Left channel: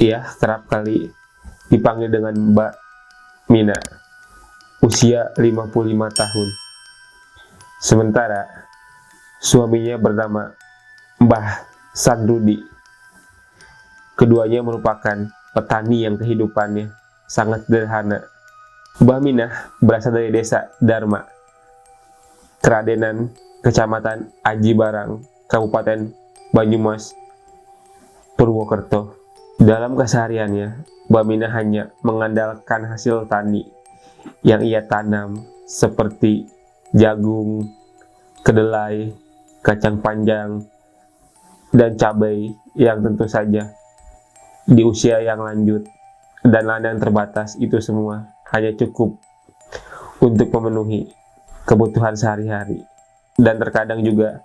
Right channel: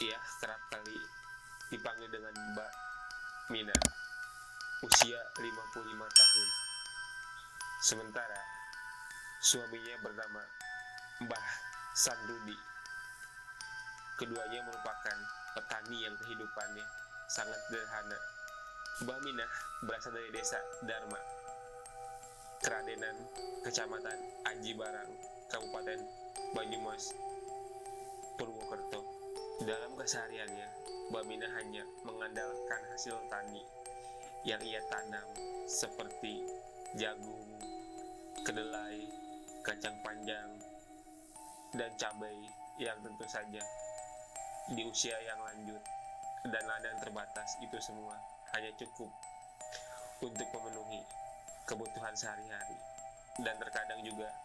Ia kerap kali dipanggil dengan Mbak Mina, usia 55 tahun. Sementara suaminya bernama Mbah Sandrudi. Keduanya merupakan petani yang kehidupannya sangat sederhana. Mbah Minah berasal dari desa Dharma, Keradenan, Kecamatan Aji Barang, Kabupaten Banyumas, Purwokerto. Dalam kesehariannya, Mbah Minah hanya mengandalkan hasil tani yang ia tanam seperti jagung, kedelai, kacang panjang, dan cabai yang tentu saja di usia yang lanjut dan ladang terbatas itu semua hanya cukup untuk memenuhi kebutuhan sehari-hari, dan terkadang juga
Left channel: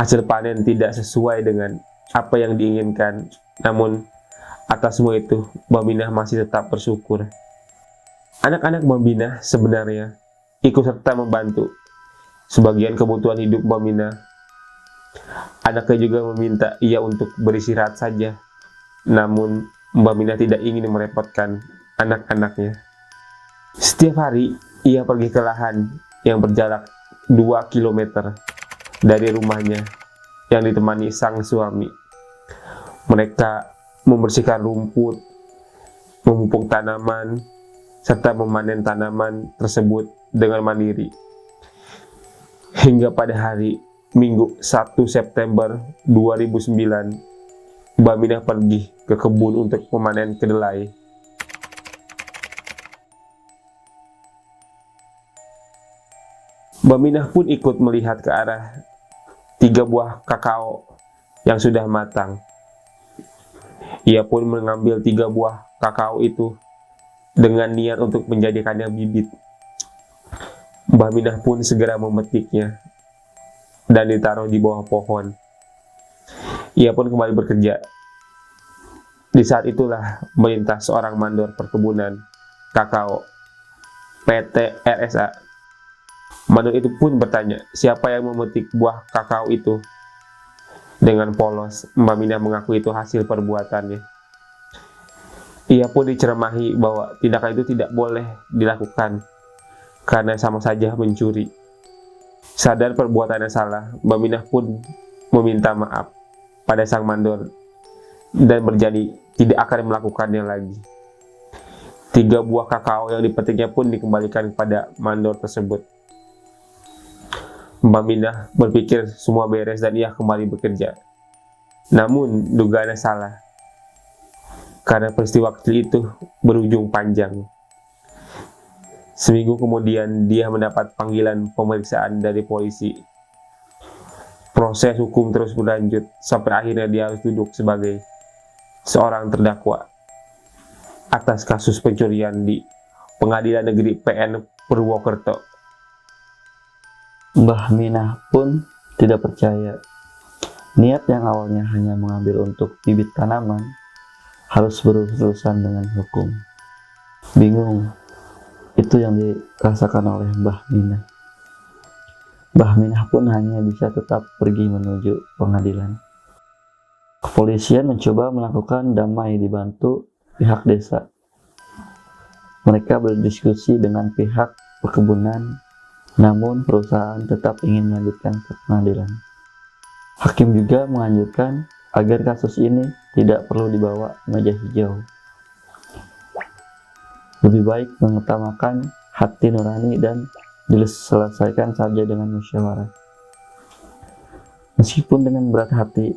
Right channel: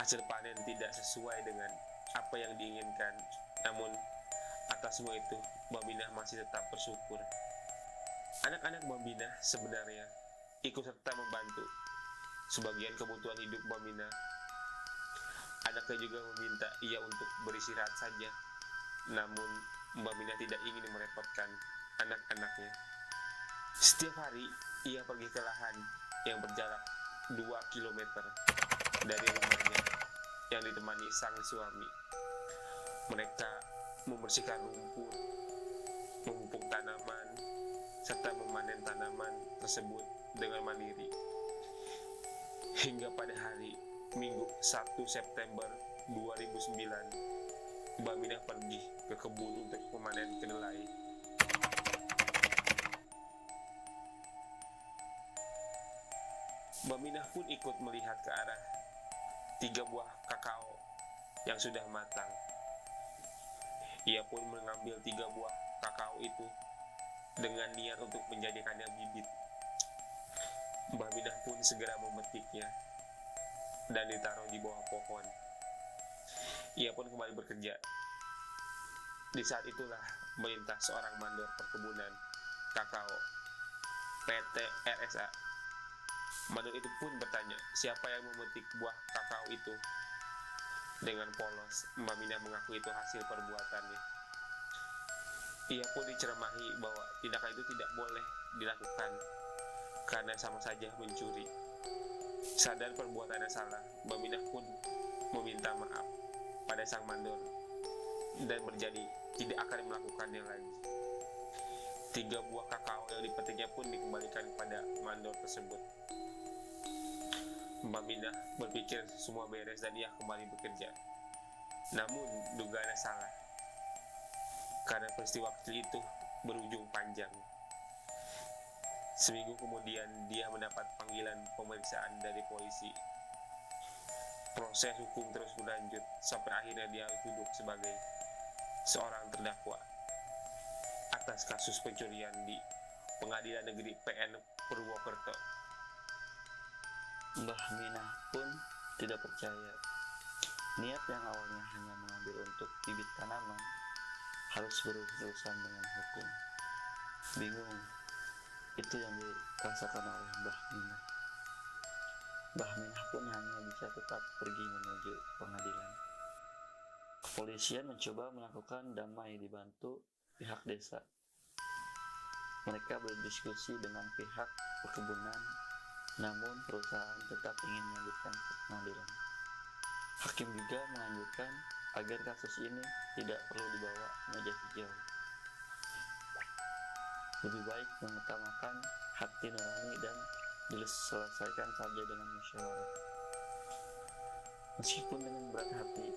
hasil panen tidak sesuai dengan apa yang diinginkan. Namun atas semua itu, Mbah Minah masih tetap bersyukur. Anak-anak Mbah Minah sebenarnya ikut serta membantu sebagian kebutuhan hidup Mbah Minah. Anaknya juga meminta ia untuk beristirahat saja. Namun Mbah Minah tidak ingin merepotkan anak-anaknya. Setiap hari ia pergi ke lahan yang berjarak 2 km dari rumahnya yang ditemani sang suami. Mereka membersihkan rumput, memupuk tanaman, serta memanen tanaman tersebut dengan mandiri. Hingga pada hari Minggu 1 September 2009, Mbah Minah pergi ke kebun untuk memanen kedelai. Mbah Minah pun ikut melihat ke arah 3 buah kakao yang sudah matang. Ia pun mengambil 3 buah kakao itu dengan niat untuk menjadikannya bibit. Mbah Minah pun segera memetiknya dan ditaruh di bawah pohon. Ia pun kembali bekerja. Di saat itulah melintas seorang mandor perkebunan kakao PT RSA. Mandor itu pun bertanya, siapa yang memetik buah kakao itu? Dengan polos, Mbah Minah mengaku itu hasil perbuatannya. Ia pun diceramahi bahwa tindakan itu tidak boleh dilakukan karena sama saja mencuri. Sadar perbuatannya salah, Mbah Minah pun meminta maaf pada sang mandor dan berjanji tidak akan melakukannya lagi. 3 buah kakao yang dipetiknya pun dikembalikan kepada mandor tersebut. Mbah Minah berpikir semua beres dan ia kembali bekerja. Namun dugaannya salah, karena peristiwa kecil itu berujung panjang. Seminggu kemudian dia mendapat panggilan pemeriksaan dari polisi. Proses hukum terus berlanjut sampai akhirnya dia harus duduk sebagai seorang terdakwa atas kasus pencurian di Pengadilan Negeri PN Purwokerto. Mbah Minah pun tidak percaya. Niat yang awalnya hanya mengambil untuk bibit tanaman harus berurusan dengan hukum. Bingung, itu yang dirasakan oleh Mbah Minah. Mbah Minah pun hanya bisa tetap pergi menuju pengadilan. Kepolisian mencoba melakukan damai dibantu pihak desa. Mereka berdiskusi dengan pihak perkebunan, namun perusahaan tetap ingin melanjutkan ke pengadilan. Hakim juga menganjurkan agar kasus ini tidak perlu dibawa meja hijau. Lebih baik mengutamakan hati nurani dan diselesaikan saja dengan musyawarah. Meskipun dengan berat hati,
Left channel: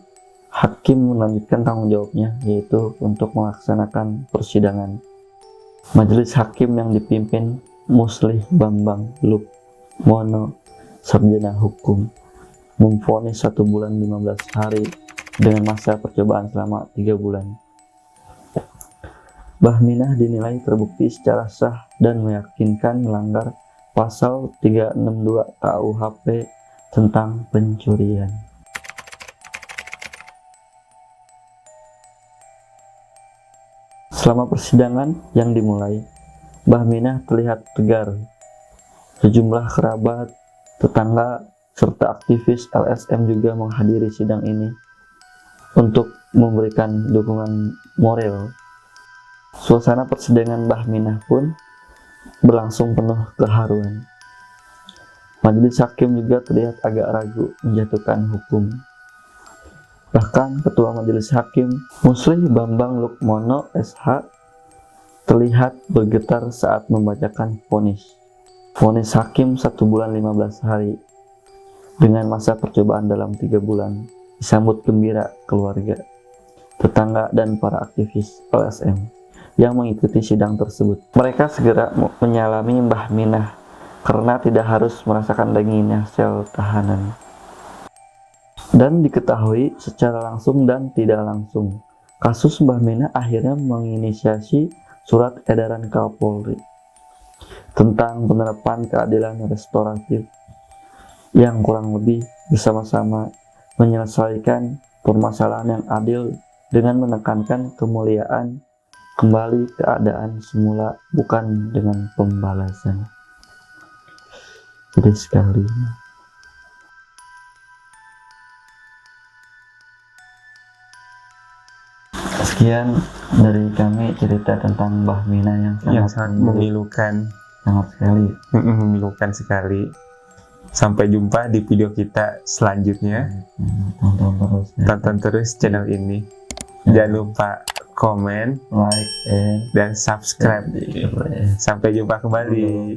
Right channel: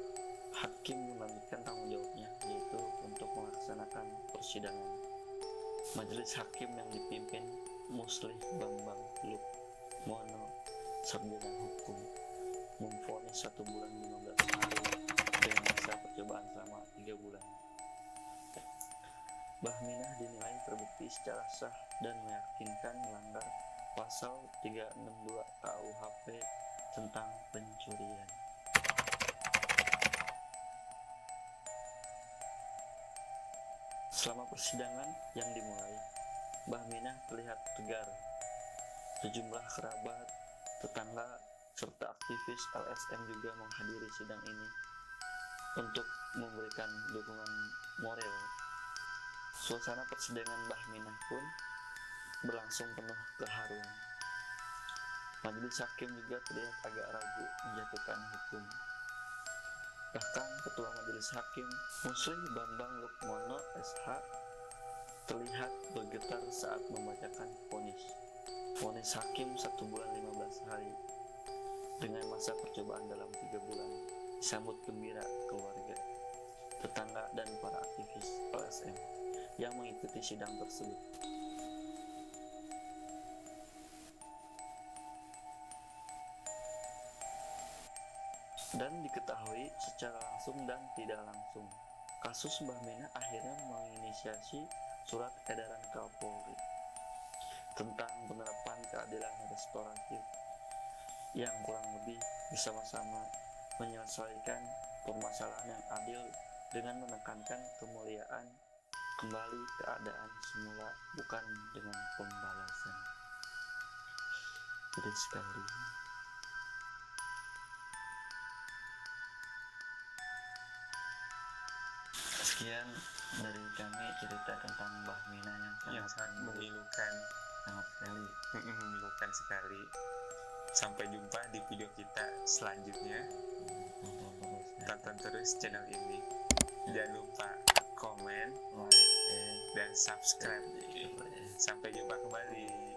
hakim melanjutkan tanggung jawabnya, yaitu untuk melaksanakan persidangan. Majelis hakim yang dipimpin Muslih Bambang Lukmono, sarjana hukum, memvonis 1 bulan 15 hari dengan masa percobaan selama 3 bulan. Mbah Minah dinilai terbukti secara sah dan meyakinkan melanggar pasal 362 KUHP tentang pencurian. Selama persidangan yang dimulai, Mbah Minah terlihat tegar. Sejumlah kerabat, tetangga, serta aktivis LSM juga menghadiri sidang ini untuk memberikan dukungan moral Suasana persidangan Mbah Minah pun berlangsung penuh keharuan. Majelis hakim juga terlihat agak ragu menjatuhkan hukum. Bahkan Ketua Majelis Hakim Musli Bambang Lukmono SH terlihat bergetar saat membacakan vonis. Vonis hakim 1 bulan 15 hari dengan masa percobaan dalam 3 bulan disambut gembira keluarga, tetangga, dan para aktivis LSM yang mengikuti sidang tersebut. Mereka segera menyalami Mbah Minah karena tidak harus merasakan dinginnya sel tahanan. Dan diketahui secara langsung dan tidak langsung, kasus Mbah Minah akhirnya menginisiasi surat edaran Kapolri tentang penerapan keadilan restoratif yang kurang lebih bersama-sama menyelesaikan permasalahan yang adil dengan menekankan kemuliaan kembali keadaan semula, bukan dengan pembalasan. Gede sekali. Sekian dari kami cerita tentang Mbah Minah yang sangat memilukan. sangat sekali. Memilukan sekali. Sampai jumpa di video kita selanjutnya. Tonton terus channel ini. Jangan lupa komen, like, and dan subscribe. Sampai jumpa kembali.